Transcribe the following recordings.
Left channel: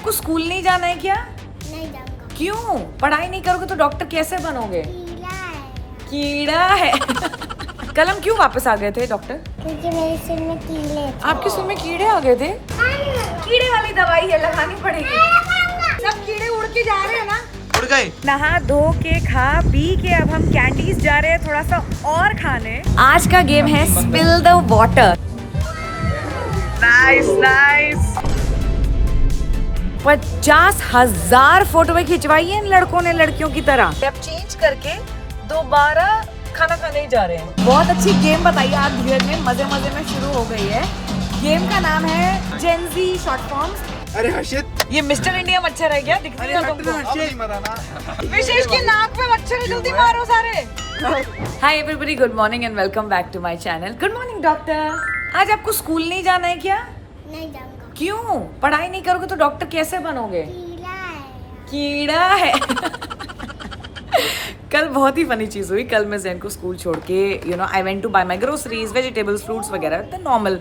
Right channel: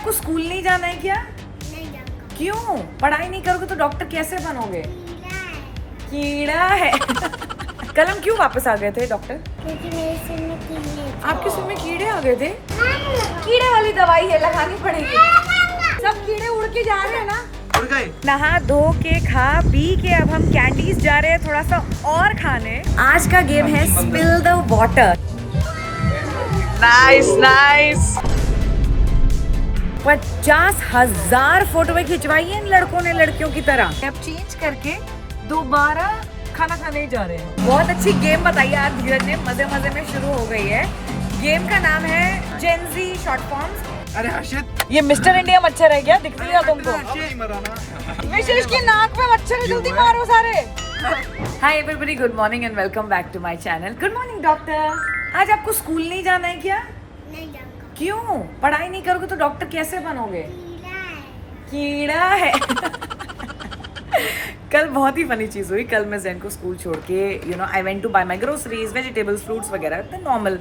आपको स्कूल नहीं जाना है क्या? नहीं जाऊंगा। क्यों? पढ़ाई नहीं करोगे तो डॉक्टर कैसे बनोगे? कीड़ा है। कीड़ा है। कल हम क्यों वापस आ गए थे डॉक्टर? क्योंकि मेरे सिर में कीड़े थे। आपके सुर में कीड़े आ गए थे? कीड़े वाली दवाई है, लगानी पड़ेगी। सब कीड़े उड़ के जा रहे हैं ना? उड़ गए। नहा धो के खा पी के अब हम कैंडीज जा रहे हैं थोड़ा सा और खाने। आज का गेम है spill the water. Nice nice. 50,000 photo खिंचवाई है इन लड़कों ने लड़कियों की तरह। अब चेंज करके दोबारा खाना खाने ही जा रहे हैं। बहुत अच्छी गेम बताइए आप धीरज ने, मजे मजे में शुरू हो गई है। गेम का नाम है जेनजी शॉर्ट फॉर्म्स। अरे हर्षित, ये मिस्टर इंडिया मच्छर है क्या? दिखता अरे है हट तुमको? ना हर्षित। विशेष के नाम पे मच्छर जल्दी मारो सारे। Hi everybody, good morning and welcome back to my channel. Good morning doctor. आज आपको स्कूल नहीं जाना है क्या? नहीं जाऊंगा। क्यों? पढ़ाई नहीं करोगे तो डॉक्टर कैसे बनोगे? कीड़ा है। कीड़ा है। कल बहुत ही फनी चीज़ हुई। कल मैं जैन को स्कूल छोड़ के I went to buy my groceries, vegetables, fruits वगैरह, तो नॉर्मल।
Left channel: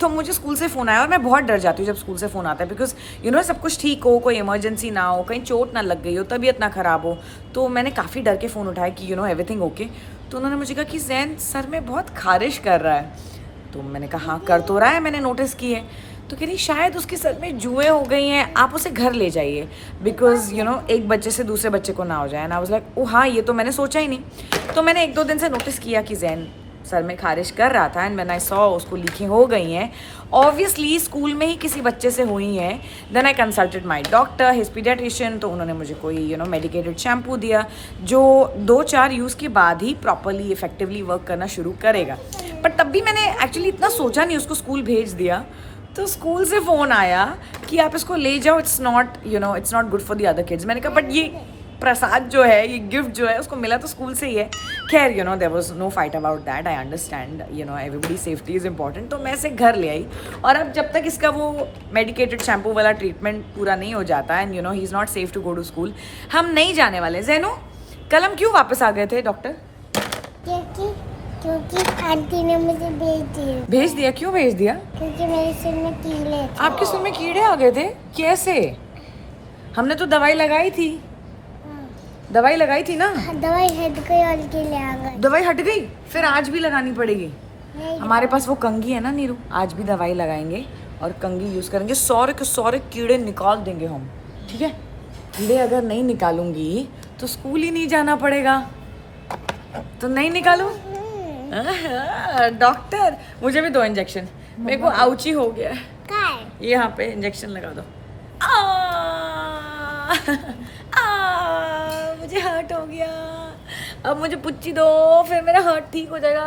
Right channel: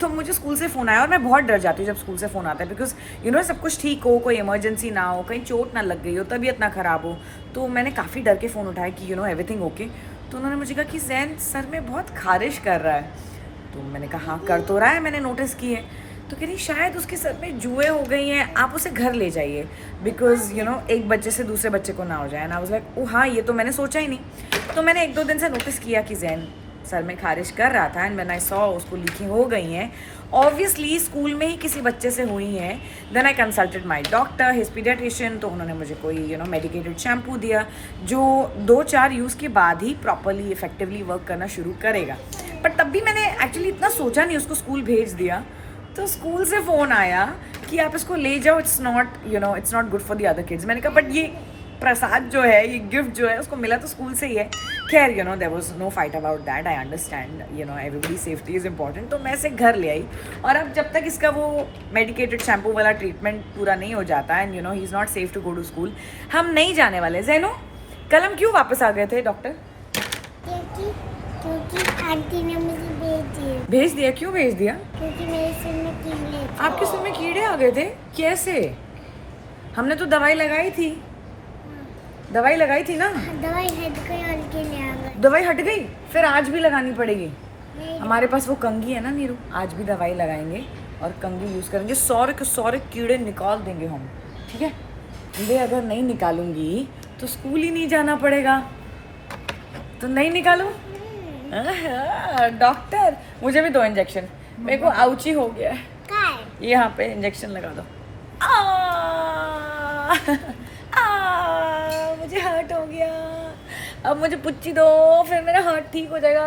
तो मुझे स्कूल से फ़ोन आया और मैं बहुत डर जाती हूँ जब स्कूल से फ़ोन आता है, बिकॉज सब कुछ ठीक हो, कोई इमरजेंसी ना हो, कहीं चोट ना लग गई हो, तबीयत ना ख़राब हो। तो मैंने काफ़ी डर के फ़ोन उठाया कि एवरीथिंग ओके। तो उन्होंने मुझे कहा कि जैन सर में बहुत खारिश कर रहा है। तो मैंने कहा हाँ कर तो रहा है, मैंने नोटिस की है। तो कह रही शायद उसके सर में जुएँ हो गई हैं, आप उसे घर ले जाइए, बिकॉज एक बच्चे से दूसरे बच्चे को ना हो जाए। ना वाज लाइक ओ हाँ, ये तो मैंने सोचा ही नहीं। तो मैंने 1-2 दिन से नोटिस किया कि जैन सर में खारिश कर रहा था, एंड व्हेन आई सॉ उसको लीकें हो गई हैं, ऑब्वियसली स्कूल में ही किसी बच्चे से हुई हैं। Then I consulted my doctor, his paediatrician. तो उन्होंने मुझे कोई मेडिकेटेड शैम्पू दिया जो 2-4 यूज़ के बाद ही प्रॉपरली इफेक्टिवली वर्क करना शुरू करेगा। बट तब भी मैंने एक्चुअली इतना सोचा नहीं, उसको स्कूल भेज दिया। तो स्कूल से फ़ोन आया कि आप इसको ले जाओ, it's not good for the other kids. मैंने कहा बट ये प्रसाद जो है, ये गिफ्ट जो है, उसको मिला तो स्कूल से ही है। खैर there was no fight about that. I understand everybody safety is important. तो मैं इसे घर ले आई, और अब जब तक इसका वो मेडिकेटेड शैम्पू वाला ट्रीटमेंट पूरा नहीं हो जाता and he is not safe to go to school, हम नहीं जाने वाले। जैनो, कल हम क्यों वापस आ गए थे डॉक्टर? क्योंकि आंटी ने मुझे भेज दिया? क्यों भेज दिया? क्योंकि मेरे सिर में कीड़े थे। आपके सुर में कीड़े आ गए थे? कैसे? हमने तो दवाई लगाई थी। दवाई लगाई थी ना? दवाई हट गई और कीड़े आ गए। दवाई हट गई? फिर आज भी लगानी पड़ेगी। नहीं। हमारे पास वो कंघी है ना नीरू, आज भी दवाई लगाएंगे और कंघी यूज़ करेंगे। सारे के सारे कीड़े निकाल देंगे हम, ठीक है? कीड़े अगर नहीं निकालूंगी तो स्कूल ही नहीं जाना पड़ेगा। तो नहीं निकालू? डॉक्टर, मुझे भी 2 इंजेक्शन। मेरे को आउची हो गया है। कहाँ है? ये यहाँ पे इंजेक्शन लगा दो। मुझे हर्ट हो गया। अब मुझे पुच्ची दो, फिर मेरा हर्ट ठीक हो जाएगा।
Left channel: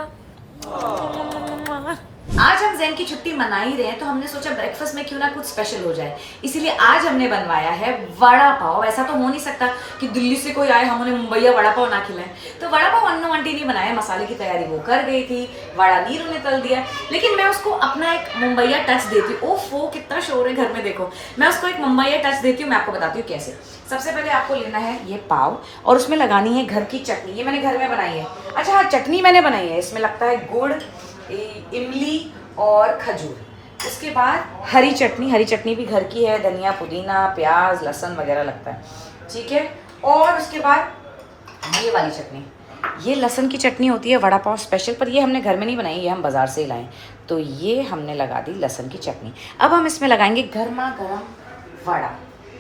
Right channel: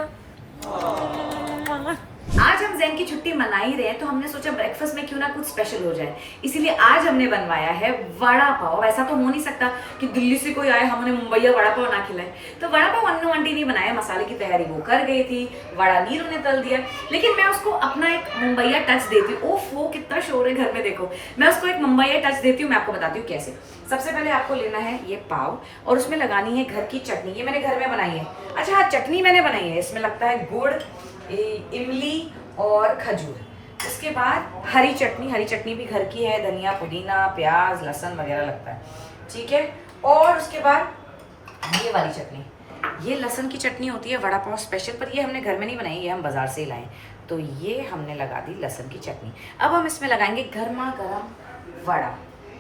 आज हम जैन की छुट्टी मना ही रहे हैं, तो हमने सोचा ब्रेकफास्ट में क्यों ना कुछ स्पेशल हो जाए। इसीलिए आज हमने बनवाया है वड़ा पाव। ऐसा तो हो नहीं सकता कि दिल्ली से कोई आए हम उन्हें मुंबईया वड़ा पाव ना खिलाए। तो वड़ा पाव अन्नू आंटी ने बनाया, मसाले की तैयारी वो कर गई थी, वड़ा नीरू ने तल दिया, लेकिन मैं उसको अपना एक मुंबईया टच देती हूँ। ओफो, कितना शोर है घर में, देखो। मैं उसको एक मुंबईया टच देती हूँ। मैं आपको बताती हूँ कैसे। सबसे पहले आपको लेना है ये पाव, और उसमें लगानी है घर की चटनी। ये मैंने घर में बनाई है। अच्छा हाँ, चटनी मैंने बनाई है। इसमें लगता है गुड़, इमली और खजूर। उसके बाद हरी चटनी भी घर की है, धनिया, पुदीना, प्याज, लहसुन वगैरह लगता है, ठीक है। और उसके बाद ये वाली चटनी, ये लहसुन की चटनी होती है वड़ा पाव स्पेशल, पर ये हमने घर में नहीं बनाई, ये हम बाज़ार से ही लाए। तो ये हमने लगा दी लहसुन की चटनी। अब हम इसमें लगाएंगे गर्मा गर्म वड़ा।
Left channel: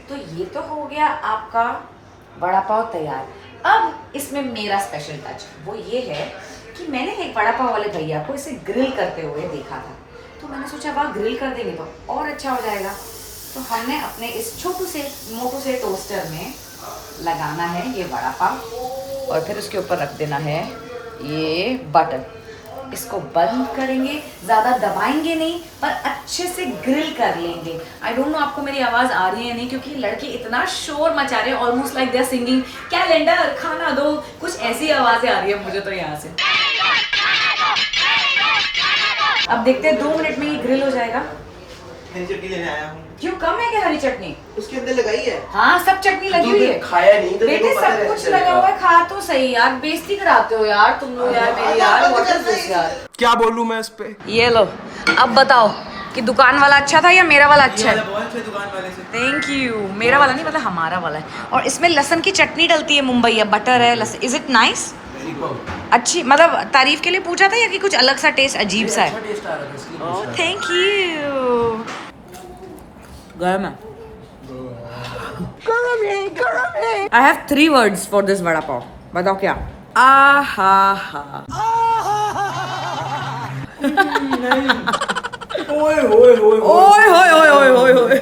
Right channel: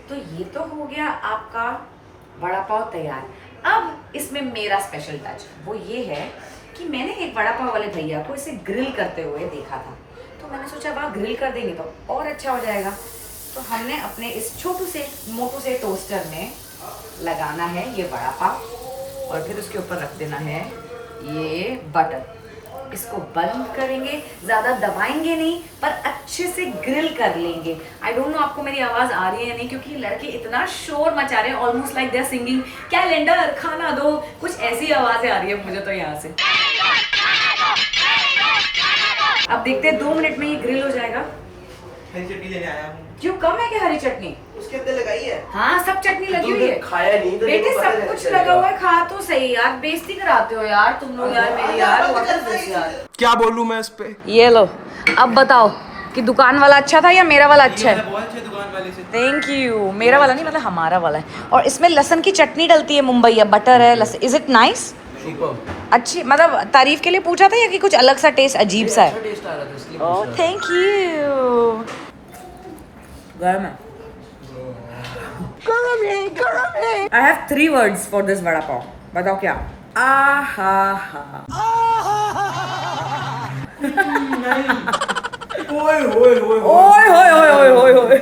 तो ये तो हो गया आपका वड़ा पाव तैयार। अब इसमें मेरा स्पेशल टच वो ये है कि मैंने एक वड़ा पाव वाले भैया को इसे ग्रिल करते हुए देखा था। तो मैंने सोचा वाह, ग्रिल कर देंगे तो और अच्छा हो जाएगा। तो हमने अपने इस मोटू से टोस्टर में लगाना है ये वड़ा पाव, और फिर उसके ऊपर रख देना है ये बटर। इसको बंद करेंगे, ज़्यादा दबाएंगे नहीं, पर अच्छे से ग्रिल कर लेंगे। आई डोंट नो आपको मेरी आवाज़ आ रही है या नहीं, क्योंकि लड़के इतना शोर मचा रहे हैं, almost like they are singing calendar खाना दो, कुछ ऐसी आवाज़ें आ रही है मुझे तो यहाँ से। अब देखते हैं 2 मिनट में ये ग्रिल हो जाएगा। हरी चटनी लेने आया हूँ। क्यों, कम है क्या हरी चटनी? उसके अंदर लगाई है। हाँ, सब चटनी लगी हुई है। खाया नहीं तो बेटे, सब कुछ लगा हुआ है, खा तो सही यार। बेइज्जती कराते हो यार तुम लोग यार मेरी यार। व्हाट इज दिस यार? क्या बोलूं मैं इस पे? ये लो, अब बताओ कि दुकान वाला अच्छा था या मेरा वाला अच्छा है? बहुत अच्छे दुकान वाले से। Thank you. मेरा वाला नहीं, मतलब हमारा वाला है। और इसमें लहसुन की चटनी डलती है, मुंबई बटर है, लहसुन। Is it nice? अच्छी, मतलब तारीफ के लिए पूछा था या कि कुछ अलग सा टेस्ट अजीब सा है? टेस्ट आ रहा था इसलिए। Oh thank you. गर्म है। I have 3 words for this vada pav. बताओ क्या? आहा हा। ओए होए होए। ओए होए होए होए होए होए।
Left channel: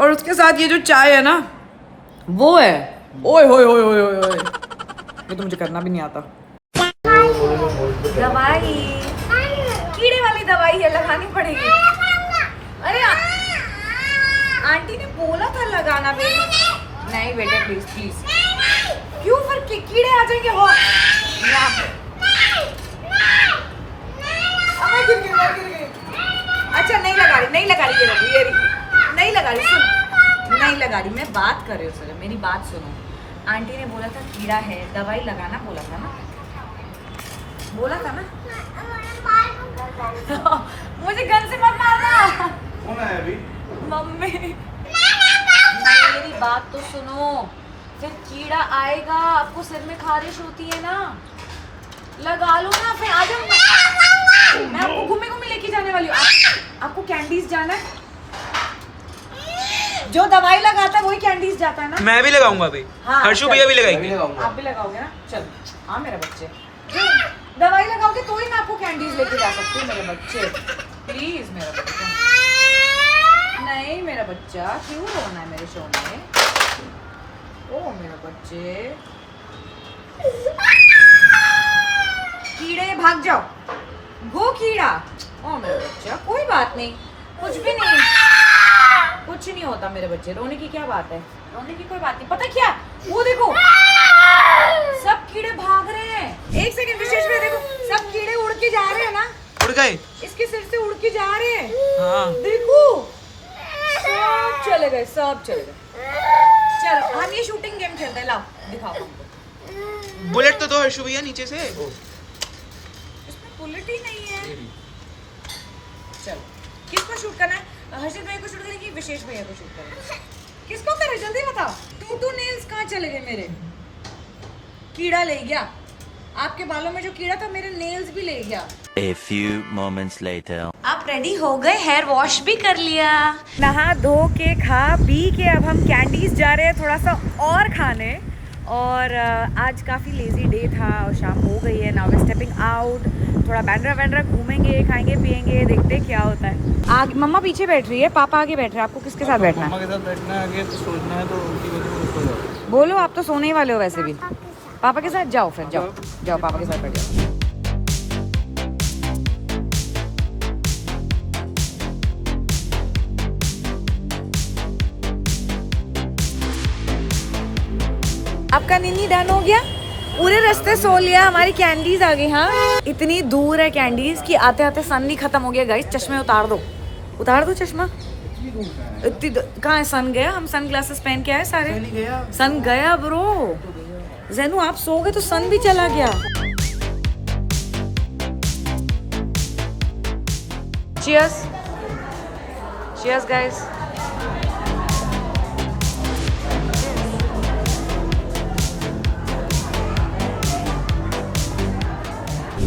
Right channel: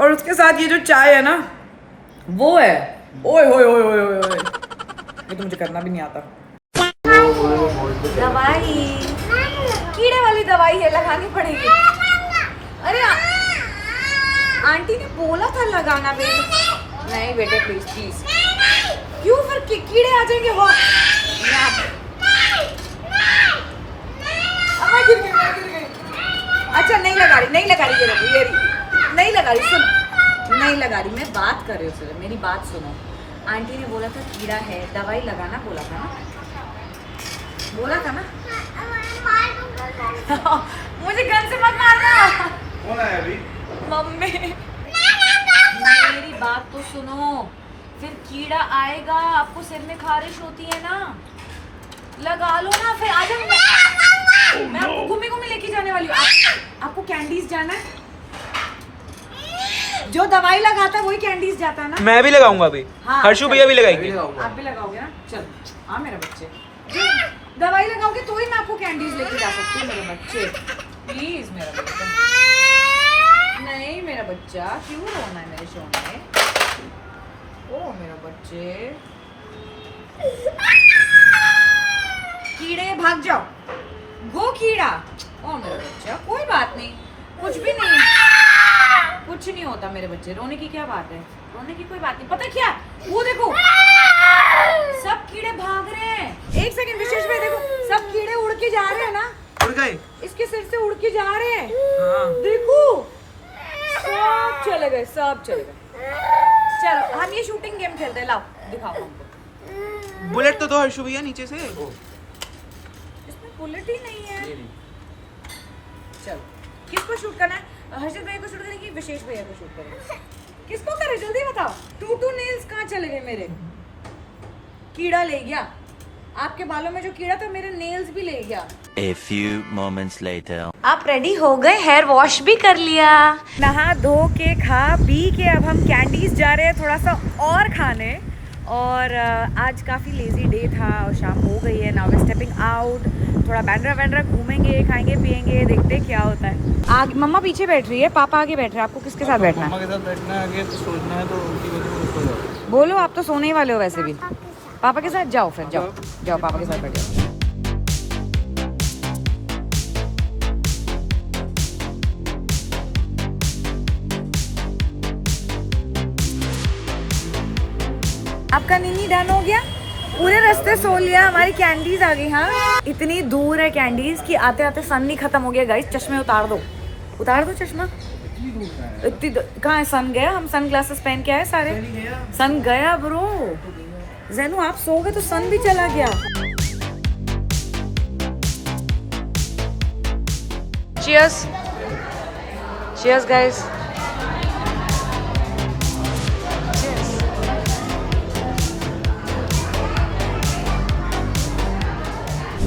और उसके साथ ये जो चाय है ना, वो है ओए होए होए होए होए होए। ये तो मुझे करना भी नहीं आता। दवाई, कीड़े वाली दवाई है, लगानी पड़ेगी। अरे आंटी ने बोला था लगाना बेटे। नहीं बेटे प्लीज प्लीज। क्यों? फिर कीड़े आ जाएंगे वो। गिर गई। अच्छा नहीं लगा रही ये रही, नहीं लगा रही, सुन, नहीं लगा रही, मैं बात कर रही हूँ सर, मेरी बात सुनो। आंटी ने बोला था कीड़ा है, दवाई लगाना बोला था ना, मुझे गन से मत मारना। कौन आया अभी? मम्मी मेरी बात तो सुनो, फिर कीड़ा आएगा, आपको सिर में खारिश होती है ना, लगा लो ना, फिर आ जाओ। मैं आपको घूमे लेके जाने वाली हूँ। आपको कैंडीज जाना है? जो दवाई लगाता है वही कैंडीज जाता है ना। मैं भी लगाऊंगा अभी। हाँ, हर्षू चल। भैया भी लगाएंगे। आप भी लगाओगे ना? चल हाँ मेरे बच्चे, दवाई लगाओगे तो ही मैं आपको कैंडीज लेके जा सकती हूँ मेरे बच्चे। प्लीज मेरा बच्चा, नहीं मेरा बच्चा, क्यों रोना है मेरे सोने? ओ मेरे बच्चे, कीड़े भाग जाओ, गो कीड़ा। ओ मेरा बच्चा, कोई बात नहीं, कुछ भी नहीं, कुछ नहीं होता मेरे बच्चे, रोने की क्या बात है? रोने की कोई बात नहीं। पता क्या, वो देखो सब कीड़े भाग रहे हैं। एक सेकंड विशेष में देखो, सब कीड़े उड़ के जा रहे हैं ना, उड़ गए। इसके सिर से उड़ के जा रहे हैं। हाँ। देखो सब चले गए, सब चले गए। चलो हम ये शूटिंग गेम खेलते हैं, लाओ दिखाओ हमको। बुलेट तो दो हर्षू भैया नीचे से। इसमें बुलेट ही नहीं है। चलो किसको शूट करना है? हर्षित भैया को शूट करें कि विशेष भैया को शूट करें? किसको करे जल्दी बताओ। टू नेल्स कहाँ चले गए मेरे? कीड़ा ले गया आपके बालों में, जो कीड़ा था मेरे नेल्स भी ले गया। A few moments later. आप रेडी हो गए? हेयर वॉश भी कर लिया, नहा धो के खा पी के अब हम कैंडीज जा रहे हैं थोड़ा सा और खाने। और आज काफ़ी लेजी डे था और शाम हो गई है। नाउ वी स्टेपिंग आउट, थोड़ा बैंड्रा घूमेंगे, खाएंगे पिएंगे, देखते क्या होता है। आगे मम्मा पीछे बैठ रही है, पापा आगे बैठ रहे हैं। आपको किसके साथ बैठना है? मम्मा के साथ बैठना है, आगे तो सोचना है, तो उनकी वजह से उसको जाओ। बोलो, आप तो सोने ही वाले हो वैसे भी। पापा के साथ जाओ, फिर जाओ जाओ पापा के साथ बैठ जाओ। आपका नीनी डन हो गया? पूरे रास्ते सो लिया, हमारी कैंडीज आ गई। हाँ इतनी दूर है कैंडीज कि आते आते सन ही खत्म हो गया। गाइस चश्मे उतार दो चश्मा। इतनी कहाँ है? सन गया? हम सन ग्लासेस पहन के आए सारे। सन गया ब्रो। जैनू आप सो गए तो सन भी चला गया। Cheers, cheers guys.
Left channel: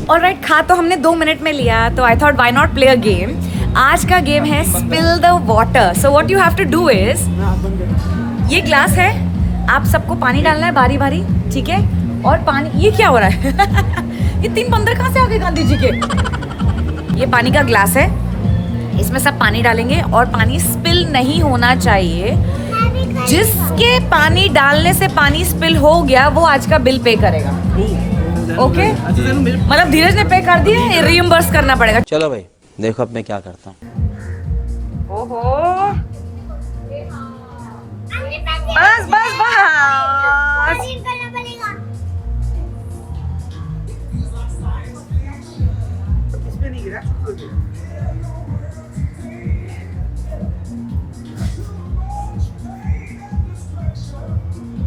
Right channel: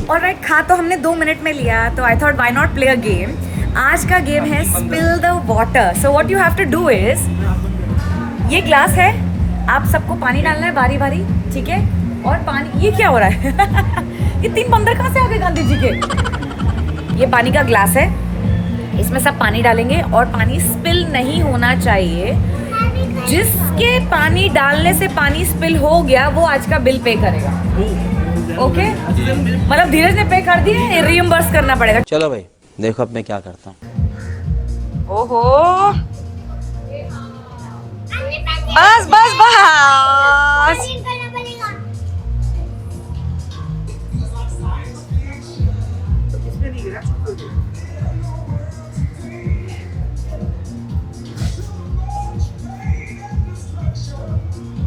ऑलराइट, खा तो हमने 2 मिनट में लिया, तो I thought why not play a game. आज का गेम है spill the water. So what you have to do is, ये ग्लास है, आप सबको पानी डालना है बारी बारी, ठीक है? और पानी, ये क्या हो रहा है? ये 3 बंदर कहाँ से आ गए गांधी जी के? ये पानी का ग्लास है, इसमें सब पानी डालेंगे और पानी स्पिल नहीं होना चाहिए। जिसके पानी डालने से पानी स्पिल हो गया वो आज का बिल पे करेगा। ओके मतलब धीरज ने पे कर दिया, रिइंबर्स करना पड़ेगा। चलो भाई देखो अब मैं क्या करता हूँ। ओहो बस बस बस।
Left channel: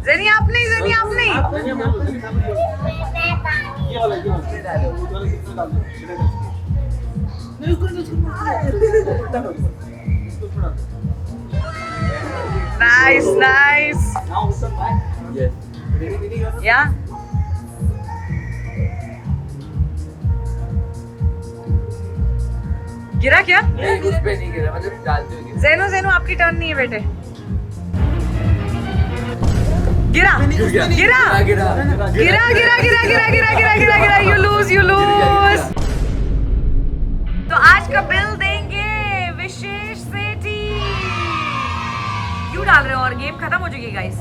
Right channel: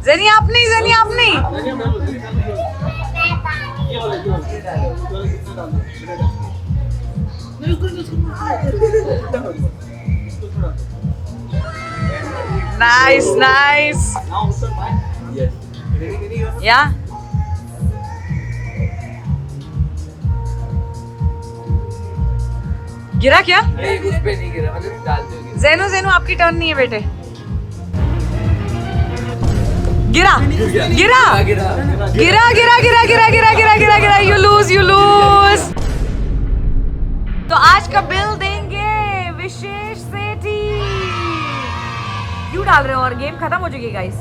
जनी आप नहीं, जनी आप नहीं। Nice, nice. Yes. Yeah. गिरा क्या? नहीं, उस पे नहीं गिरा, मतलब डालते हुए गिरा। ज़ैनू ज़ैनू आपकी टर्न नहीं है बेटे। गिरा गिरा। गिरा गिरा। गिरा गिरा गिरा गिरा गिरा गिरा गिरा गिरा यू लूज। तो आज का बिल देंगे विशेष सेठी। क्यों डाल रहे हो और गेम खत्म हो चुकी गाइस।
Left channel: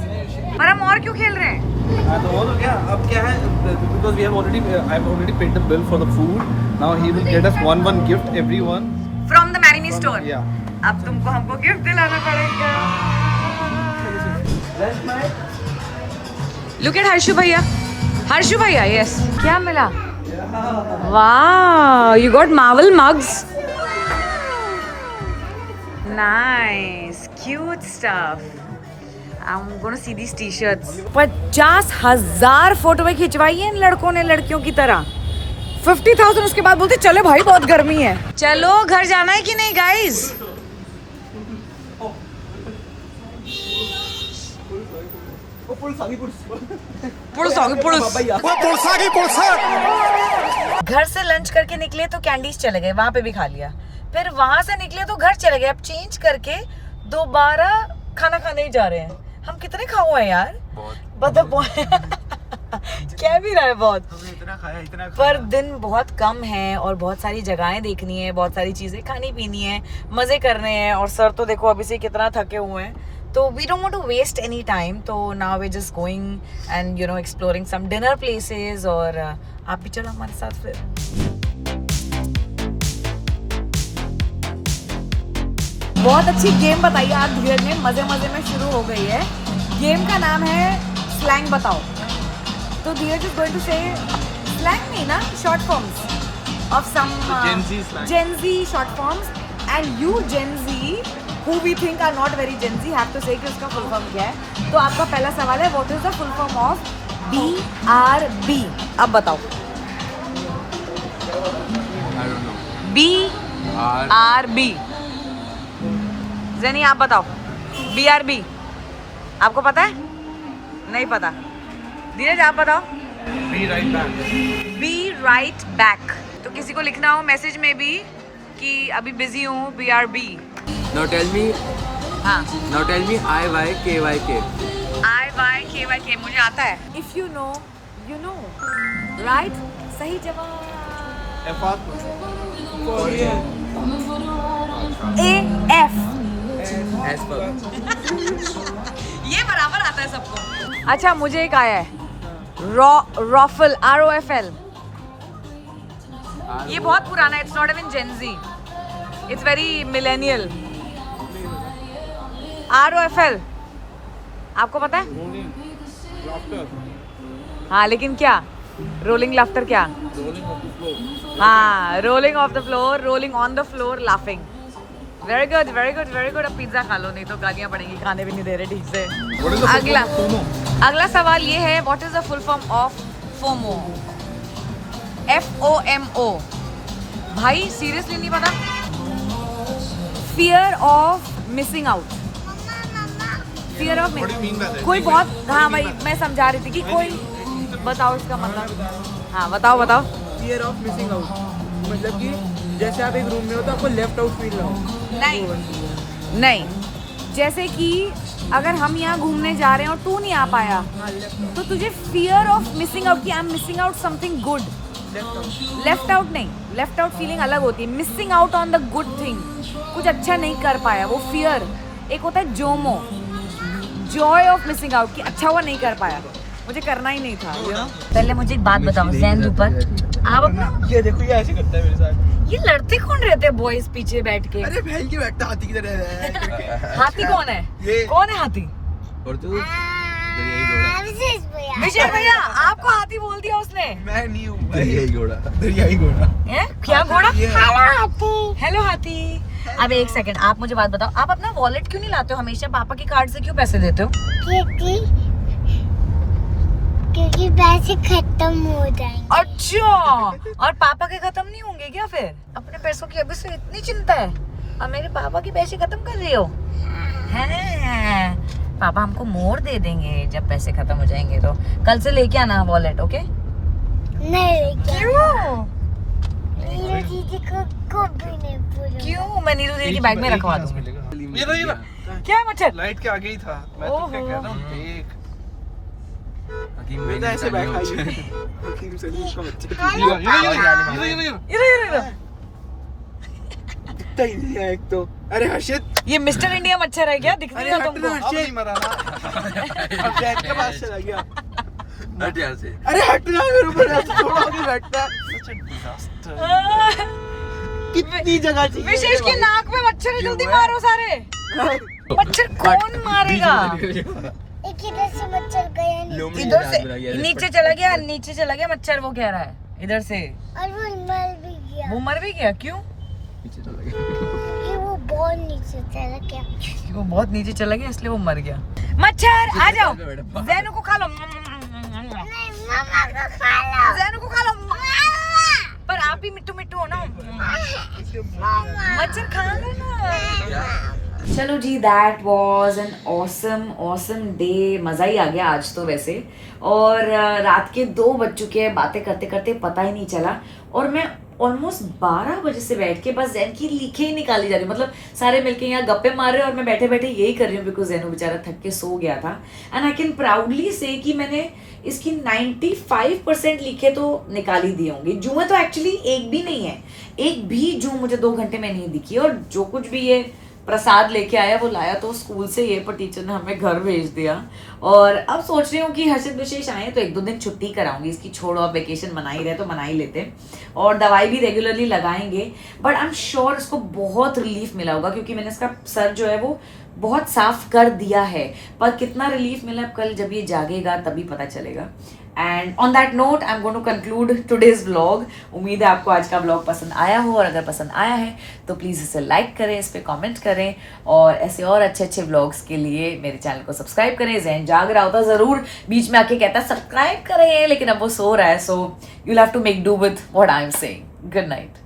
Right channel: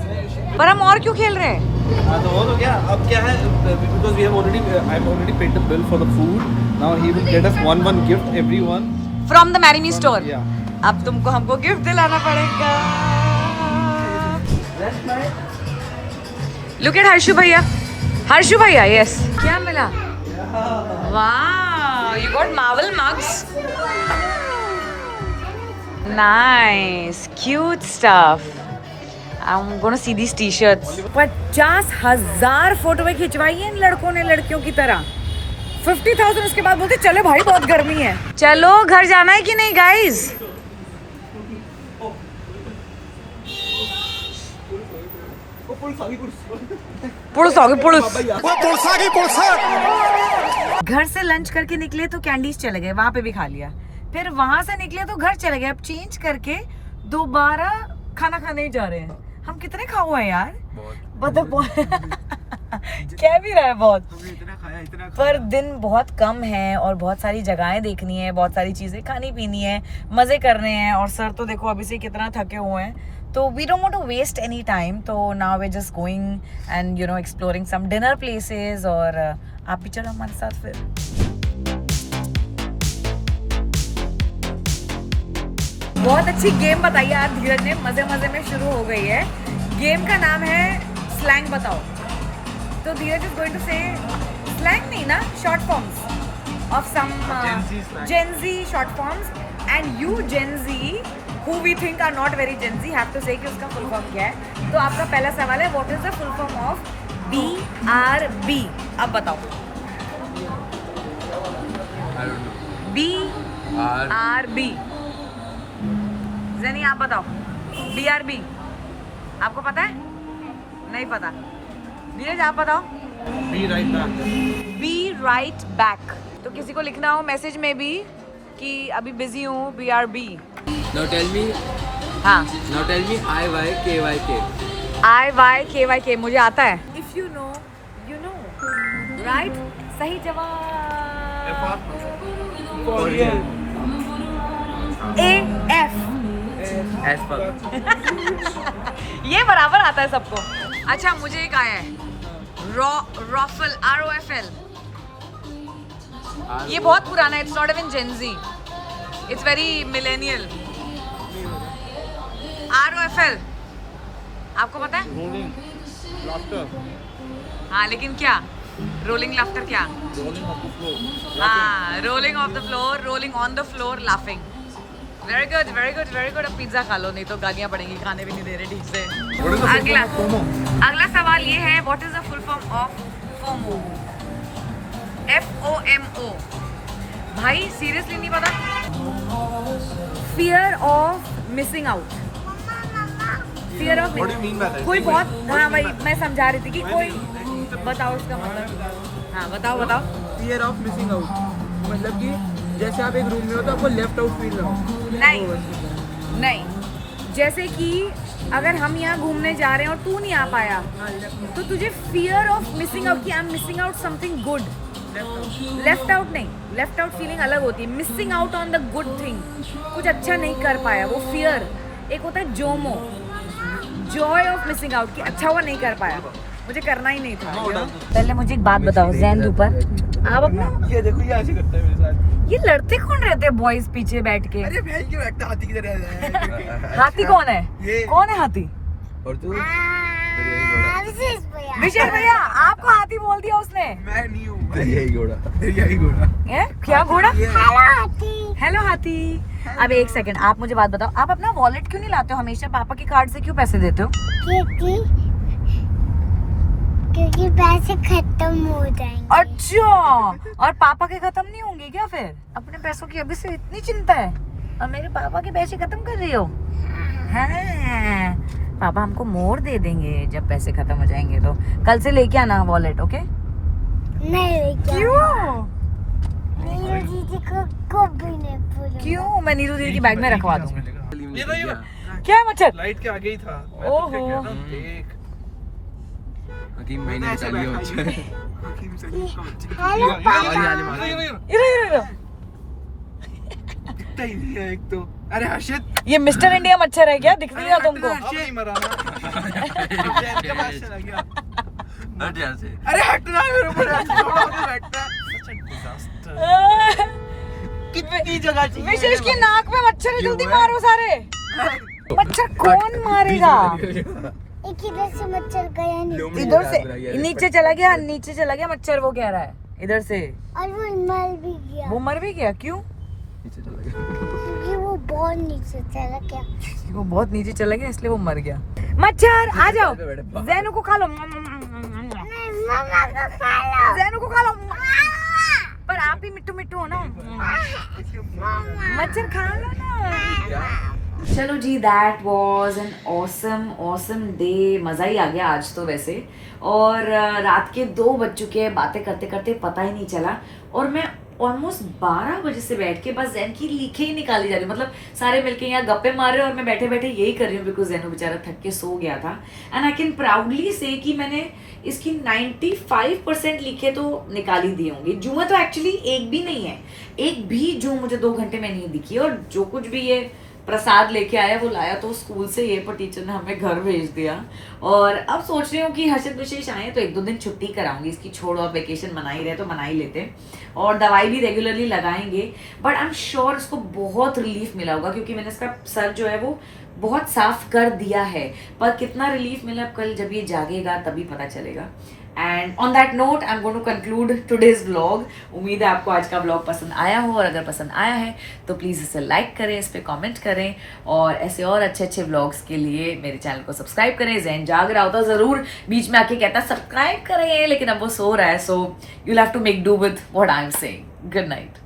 पर हम और क्यों खेल रहे हैं? हाँ तो वो तो क्या अब क्या है because we have already I've already paid the bill for the food. Now he will get us one gift everyone. From the Marini store. Yeah. अब तुमको हमको गिफ्ट दिलाना पड़ेगा। लुक एट हर्षु भैया। हर्षु भैया यस। क्या मिला? वाह you got Marvel mugs. Nice cute stuff. I'm gonna see these t-shirts. 50,000 photo खिंचवाई है इन लड़कों ने लड़कियों की तरह। 50,000 उसके बाद बोलते चले भाई बहुत गर्मी है। चलो घर जाना है कि नहीं गाइस? घर से लंच करके निकले तो कैंडीज चले गए, वहां पे भी खा लिया। फिर वहां से निकले तो घर चले गए। अब चेंज करके दोबारा खाना खाने ही जा रहे हैं। हम कितने खाओ हैं यार? मतलब क्या भी रहा है बहुत। इतना खाया पर दिन बहुत कम है और बहुत सारी जगहें देखनी है, बहुत सारी चीजें खानी पीनी है, मजे करने हैं। और सर तो देखो अभी से कितना थके हुए हैं। तो we don't want to waste any time. तो now we just going and you know exploring some dinner places. और आप भी चलो हमारे साथ फिर। बहुत अच्छी गेम बताई आज धीरज ने, मजे मजे में शुरू हो गई है। गेम का नाम है स्लैंग बताओ। तो Dheeraj is going to say slang नहीं ना, short forms of some Gen Z short forms and you Gen Z who we think are not very Gen Z have to say कि उसका फुल फॉर्म क्या है। तो आपका पहला सवाल है what is the full form of BRB? अब बताओ। I don't know. BRB ज़ेनी आप बताओ। BRB आपको पता है? नहीं पता। धीरज आप बताओ। Be right back. Be right back। तो किसी को लिखना हो मैसेज में भी कि अभी बिजी हूँ BRB। Now tell me. हाँ Now tell me IYKYK. IYKYK मुझे आता है। If you know, you know. Right? सही जवाब। AF As per. ये बराबर आता है सबको। अच्छा मुझे एक आया है रॉफल ROFL। ये बहुत पुराना है। It's not even Gen Z, it's very millennial. ROFL आपको पता है? Rolling. Laughter. हाँ लेकिन क्या? रोलिंग लाफ्टर क्या? Rolling off the floor. हाँ rolling of the floor, rolling on the floor, laughing. Very good very good very good. अब pizza खा लो नहीं तो गालियाँ पड़ेंगी, खाने भी नहीं दे रहे ठीक से। What is the full अगला form of FOMO? अगला सवाल ये है what is the full form of FOMO? FOMO भाई सीरियसली नहीं पता। Fear of missing out. Fear of What do you mean by that? कोई बहुत हाँ भाई मैं समझा रही थी कि कोई बताओ इसका मतलब। हाँ बताओ बताओ। फियर ऑफ मिसिंग आउट मतलब कि जैसे आप एक रूम में हो तो आपको लेफ्ट आउट फील ना हो। नहीं नहीं, जैसे कि अगर हम यहाँ घूमने जा रहे हैं और तू नहीं आ पाया तो तुझे फियर ऑफ मिसिंग आउट कि I am missing out something good. Left out नहीं, लेफ्ट आउट फीलिंग अलग होती है। Missing out on the good thing, कुछ अच्छा नहीं कर पाया, वो फियर। एक होता है Jomo, Joy of missing out कि अच्छा हुआ नहीं कर पाया, मुझे करना ही नहीं था you know? पहले मुझे एक बात बताओ जैन ऊपर आप अपना ये देखो ये ऐसे करता है मेरे साथ। ये लड़ते कौन रहते बॉयज पीछे बैठ के? अरे फैल के बैठता हाथी की तरह है। हाथी कौन है? ये- कौन है हाथी? और तू? विशेष भैया विजय भैया आपको हाथी बोल दिया उसने। मैं नहीं हूँ दरियाई घोड़ा। दरियाई घोड़ा। हैं? क्या घोड़ा? हेलो हाथी हेलो हाथी। अब एक सेकंड आप मुझे बात बताओ, आप अपना वॉलेट क्यों नहीं लाते हो? हमेशा पापा के कार्ड से क्यों पैसे देते हो? क्योंकि पैसे खत्म हो जाएंगे। अच्छा, और पापा के खत्म नहीं होंगे क्या फिर? अपने पैसों की अभी से इतनी चिंता है और मेरे पापा के पैसे खत्म कर रही हो? हैं, पापा हमको मोर दे देंगे जब पैसे खत्म हो जाएंगे। तो कल से लेके आना वॉलेट, ओके? नहीं, क्यों? नीरू दीदी को कभी नहीं बोलूंगा। क्यों? मैं नीरू दीदी की बैग में रखवा दूंगी। ये क्या मच्छर? लाइट के आगे ही था। मैं तो क्या कह रहा हूँ, देख। मैं तो ऐसे बैठा ही हकीम सलीम का बच्चा दिखता ही नहीं है एक तो। अरे हर्षित, ये मिस्टर इंडिया मच्छर है क्या? दिखता अरे है हट तुमको? ना अब हर्षित, नहीं मरा ना। अब जैन के पास चला गया। हट यहाँ से। अरे हट ना मेरे ऊपर, ऐसे छोड़ो आगे बैठता। कितनी जगह चाहिए विशेष के नाक में मच्छर है, जल्दी मारो सारे। मच्छर कौन मारेगा? एक इधर से मच्छर गया नहीं इधर से नीचे चला गया, नीचे चला गया मच्छर, वो कह रहा है इधर से। और वो मर भी गया वो मर भी गया? क्यों? क्योंकि वो बहुत नीचे चला गया। वो बहुत नीचे चला गया इसलिए वो मर गया। मच्छर आ जाओ, जैनू को खा लो। नहीं, मम्मा को खा लो। जैनू को खा लो, पर आप ही मिट्टू मिट्टू हो ना। मच्छर खा लो ना। चलो जी, that was an awesome day. मज़ा ही आ गया आज तो वैसे। और रात के 2 बज चुके हैं, बातें करते करते पता ही नहीं चला। और मैं ऑलमोस्ट 12 बजे से बैठ के बस जैन की लिखे ही निकाली जा रही हूँ। मतलब सारे मिलके यहाँ गप्पे मार रहे हैं और मैं बैठे बैठे यही कर रही हूँ, बिकॉज जैनू बेचारा थक के सो गया था। एंड आई कैन प्राउडली से कि मैंने इसकी 95% लिखे तो निकाल ही दिए होंगे। जुएं तो एक्चुअली एक भी नहीं है, एक भी जू मुझे 2 घंटे में नहीं दिखी। और जो कुछ भी ये प्रसाद लेके आया वो लाया तो स्कूल से, ये पर टीचर ने हमें घर भेज दिया। और अब सोच रही हूँ कि हर्षित विशेष आए तो 1-2 दिन छुट्टी कराऊंगी इसकी। छोड़ो, अब वेकेशन मना ही रहे तो मना ही लेते। और दवाई भी रेगुलरली लगाएंगे। बट आई एम श्योर इसको बहुत रिलीफ मिला होगा, क्योंकि मैंने इसका सर जो है वो बहुत साफ कर दिया है। पर कितना रिलीफ मिला अब कल जब ये जागेगा तभी पता चलेगा। And on that note I am going to conclude today's vlog. उम्मीद है आपको आज का व्लॉग पसंद आया हो, और अगर पसंद आया है तो प्लीज़ इसे लाइक करें, इस पर कमेंट करें, और ऐसे और अच्छे अच्छे व्लॉग्स के लिए मेरे चैनल को सब्सक्राइब करें। जैन जाग रहा होता ज़रूर बीच में आके कहता सब्सक्राइब करें, लेकिन अब वो सो रहा है, so you have to make do with what I am saying. Good night.